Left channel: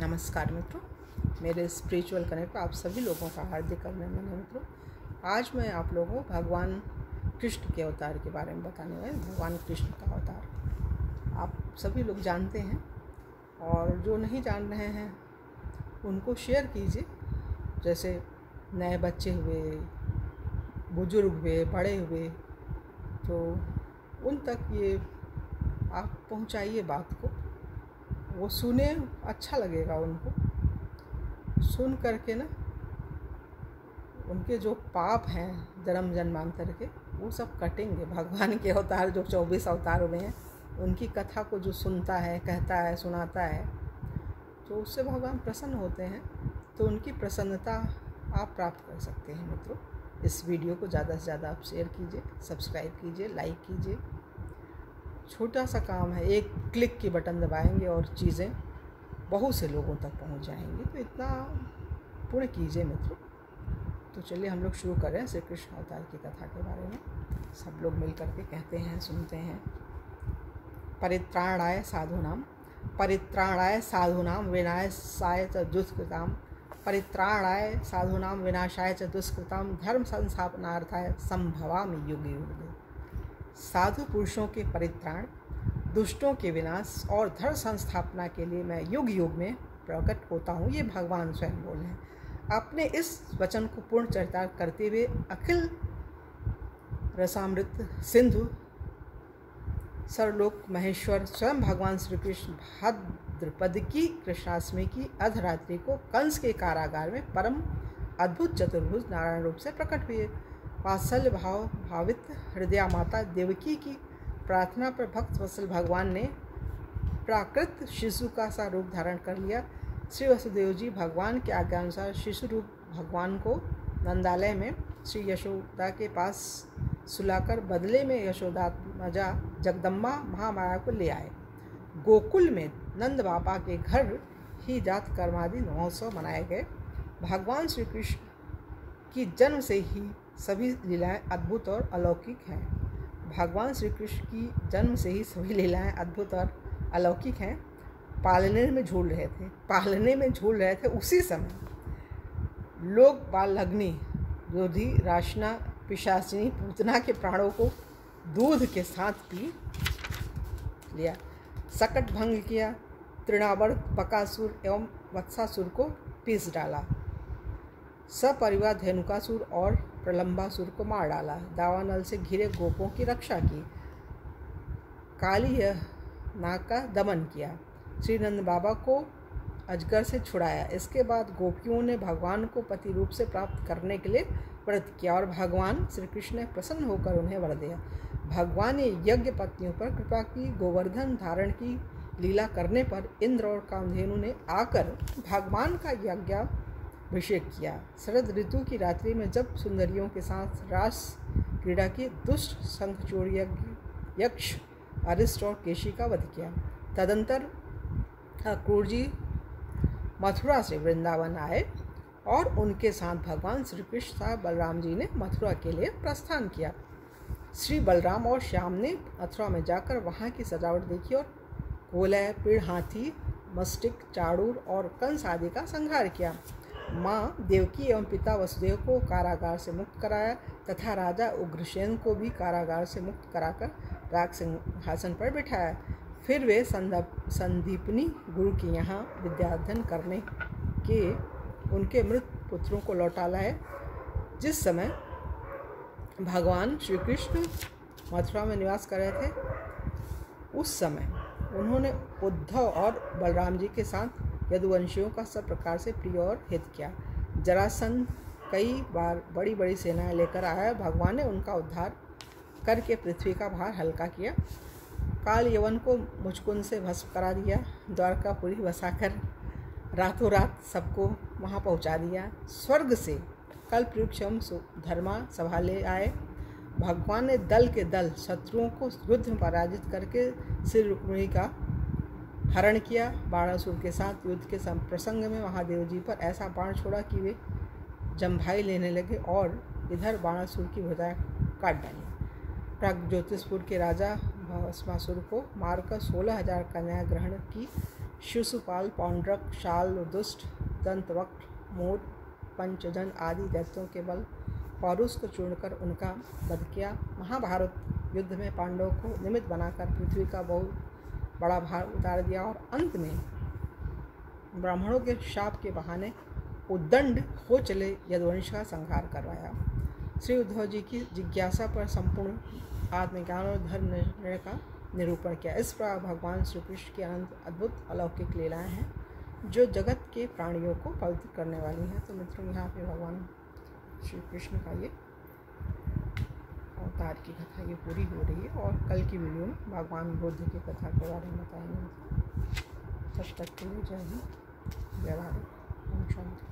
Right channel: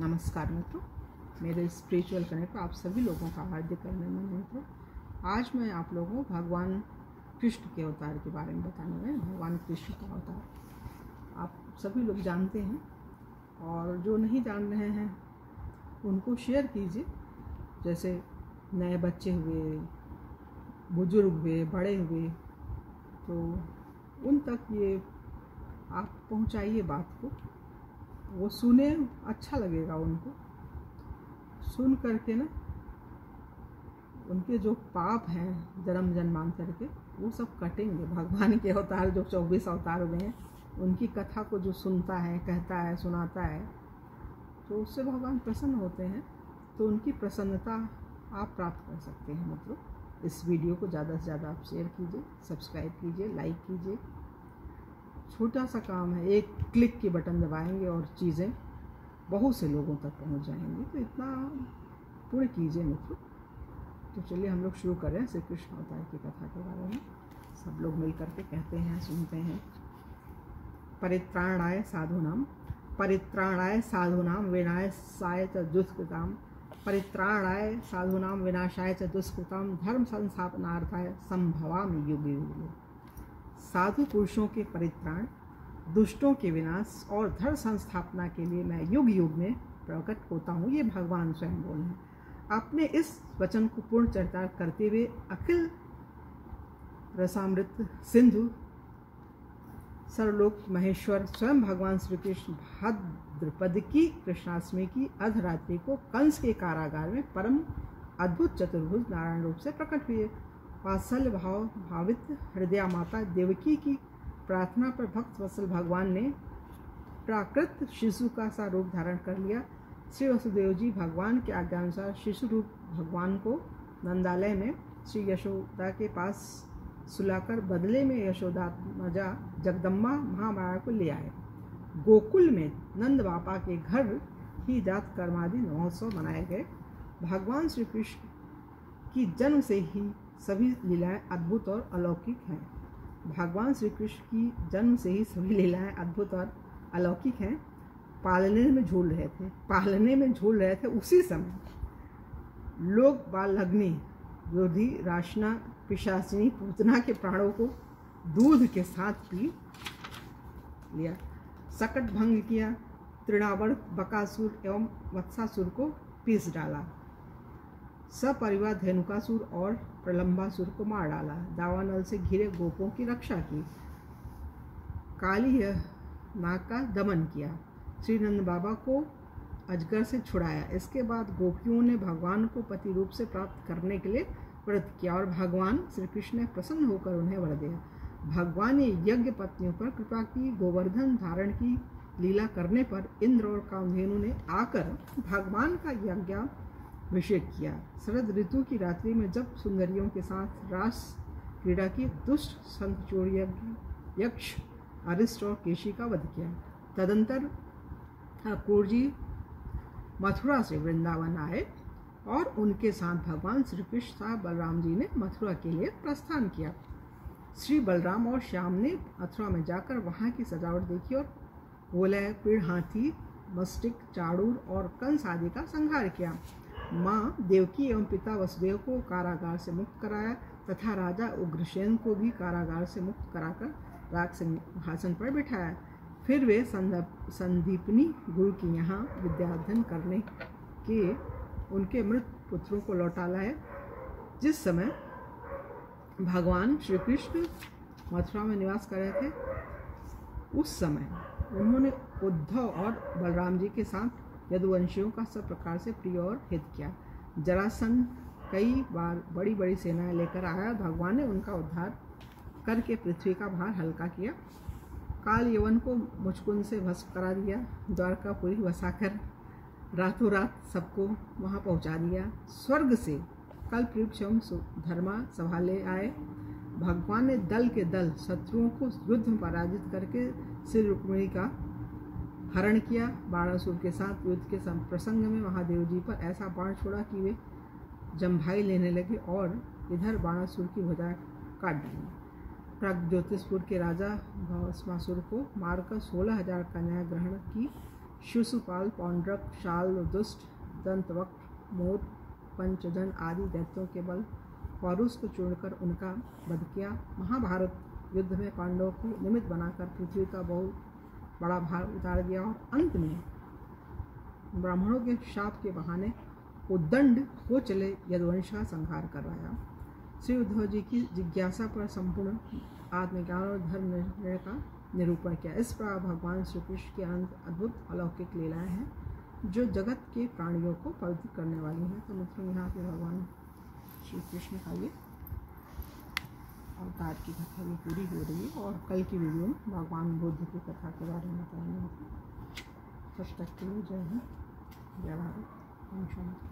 नमस्कार मित्रों, मेरे स्पिरिचुअल कनेक्ट आप सभी लोगों का हार्दिक अभिनंदन है। मित्रों, आज मैं आप लोगों को भगवान कृष्ण के अवतार के बारे में बताने वाला हूँ। भगवान कृष्ण का अवतार आप सभी लोग जानते हैं, और जो नहीं जान रहे हैं उनको शेयर कीजिए। जैसे नए बच्चे हुए, बुजुर्ग हुए, बड़े हुए, तो उन तक ये आप पहुंचाइए बात को। वो सुने, अच्छा लगेगा उनको सुन करके ना। उनके जो पाप हैं जन्म जन्मांतर के, वो सब कटेंगे। भगवान के अवतार जो 24 अवतार हुए हैं, उनकी कथा को जो सुनता है, कहता है, सुनाता है, तो उससे भगवान प्रसन्न होते हैं। तो उनकी प्रसन्नता आप प्राप्त कर सकते हैं। मित्रों, इस वीडियो को ज़्यादा से ज़्यादा आप शेयर कीजिए, सब्सक्राइब कीजिए, लाइक कीजिए। छोटा सा काम है, एक क्लिक की बटन दबाएंगे और चीज़ें बहुत से लोगों तक पहुंच जाएंगी। तो इतना पुण्य कीजिए मित्रों। तो चलिए हम लोग शुरू करें श्री कृष्ण अवतार की कथा के बारे में। सब लोग मिल करके कहते हैं, सुनते हैं। परित्राणाय साधूनाम विनाशाय च दुष्कृताम, परित्राणाय साधूनाम विनाशाय च दुष्कृताम, धर्म संस्थापनार्थाय संभवामि युगे युगे। साधु पुरुषों के परित्राण, दुष्टों के विनाश और धर्म संस्थापना के लिए मैं युग युग में प्रकट होता हूँ। ये भगवान स्वयं बोले हैं। अपने इस वचन को पूर्ण चरितार्थ करते हुए अखिल रसामृत सिंधु सर्वलोक महेश्वर स्वयं भगवान श्री कृष्ण भाद्रपद की कृष्णाष्टमी की अर्धरात्रि को कंस के कारागार में परम अद्भुत चतुर्भुज नारायण रूप से प्रकट हुए। वात्सल्य भाव भावित हृदया माता देवकी की प्रार्थना पर भक्त वत्सल भगवान ने प्राकृत शिशु का सा रूप धारण कर लिया। श्री वसुदेव जी भगवान के आज्ञानुसार शिशु रूप भगवान को नंदालय में श्री यशोदा के पास सुलाकर बदले में यशोदात्मजा जगदम्बा महामाया को ले आए। गोकुल में नंद बाबा के घर ही जात कर्मादि महोत्सव मनाए गए। भगवान श्री कृष्ण की जन्म से ही सभी लीलाएं अद्भुत और अलौकिक हैं। भगवान श्री कृष्ण की जन्म से ही सभी लीलाएं अद्भुत और अलौकिक हैं। पालने में झूल रहे थे उसी समय लोग बालग्नि, रोधी, राशना, पिशाचिनी, पूतना के प्राणों को दूध के साथ पी लिया, सकट भंग किया, तृणावर्त, बकासुर एवं वत्सासुर को पीस डाला, सपरिवार धेनुकासुर और प्रलंबासुर को मार डाला, दावानल से घिरे गोपों की रक्षा की, काली नाग का दमन किया, श्री नंद बाबा को अजगर से छुड़ाया। इसके बाद गोपियों ने भगवान को पति रूप से प्राप्त करने के लिए व्रत किया और भगवान श्री कृष्ण ने प्रसन्न होकर उन्हें वर दिया। भगवान ने यज्ञ पत्नियों पर कृपा की। गोवर्धन धारण की लीला करने पर इंद्र और कामधेनु ने आकर भगवान का यज्ञाभिषेक किया। शरद ऋतु की रात्रि में जब सुंदरियों के साथ रास क्रीड़ा की, दुष्ट शंखचूड़ यक्ष अरिष्ट और केशी का वध किया। तदंतर अक्रूर जी मथुरा से वृंदावन आए और उनके साथ भगवान श्री कृष्ण साहब बलराम जी ने मथुरा के लिए प्रस्थान किया। श्री बलराम और श्याम ने मथुरा में जाकर वहाँ की सजावट देखी और कोलय, पीड़, हाथी, मस्टिक, चाड़ूर और कंस आदि का संहार किया। माँ देवकी एवं पिता वसुदेव को कारागार से मुक्त कराया तथा राजा उग्रसेन को भी कारागार से मुक्त कराकर राज सिंहासन पर बिठाया। फिर वे संदीपनी गुरु के यहाँ विद्याध्ययन करने के उनके मृत पुत्रों को लौटा लाए। जिस समय भगवान श्री कृष्ण मथुरा में निवास कर रहे थे, उस समय उन्होंने उद्धव और बलराम जी के साथ यदुवंशियों का सब प्रकार से प्रिय और हित किया। जरासंध कई बार बड़ी बड़ी सेनाएं लेकर आया। भगवान ने उनका उद्धार करके पृथ्वी का भार हल्का किया। काल यवन को मुचकुंद से भस्म करा दिया। द्वारकापुरी बसाकर रातों रात सबको वहाँ पहुँचा दिया। स्वर्ग से कल्पवृक्ष एवं धर्मा सभा ले आए। भगवान ने दल के दल शत्रुओं को युद्ध में पराजित करके श्री रुक्मिणी का हरण किया। बाणासुर के साथ युद्ध के प्रसंग में महादेव जी पर ऐसा बाण छोड़ा कि वे जम्भाई लेने लगे और इधर बाणासुर की भुजाएं काट डाली। प्रागज्योतिषपुर के राजा भस्मासुर को मारकर 16,000 कन्याएं ग्रहण की। शिशुपाल, पौंड्रक, शाल, दुष्ट, दंतवक्र, मोर, पंचजन आदि दैत्यों के बल पौरुष को चूड़कर उनका वध किया। महाभारत युद्ध में पांडवों को निमित्त बनाकर पृथ्वी का बहुत बड़ा भार उतार दिया और अंत में ब्राह्मणों के शाप के बहाने उद्दंड हो चले यदुवंश का संहार करवाया। श्री उद्धव जी की जिज्ञासा पर संपूर्ण आत्मज्ञान और धर्म निर्णय का निरूपण किया। इस प्रकार भगवान श्री कृष्ण की अनंत अद्भुत अलौकिक लीलाएं हैं जो जगत के प्राणियों को पवित्र करने वाली हैं। तो मित्रों, यहाँ पे भगवान श्री कृष्ण का ये अवतार की कथा ये पूरी हो रही है और कल की वीडियो में भगवान बुद्ध की कथा के बारे में बताएंगे। तब तक के लिए जय हिंद, जय भारत, ओम शांति।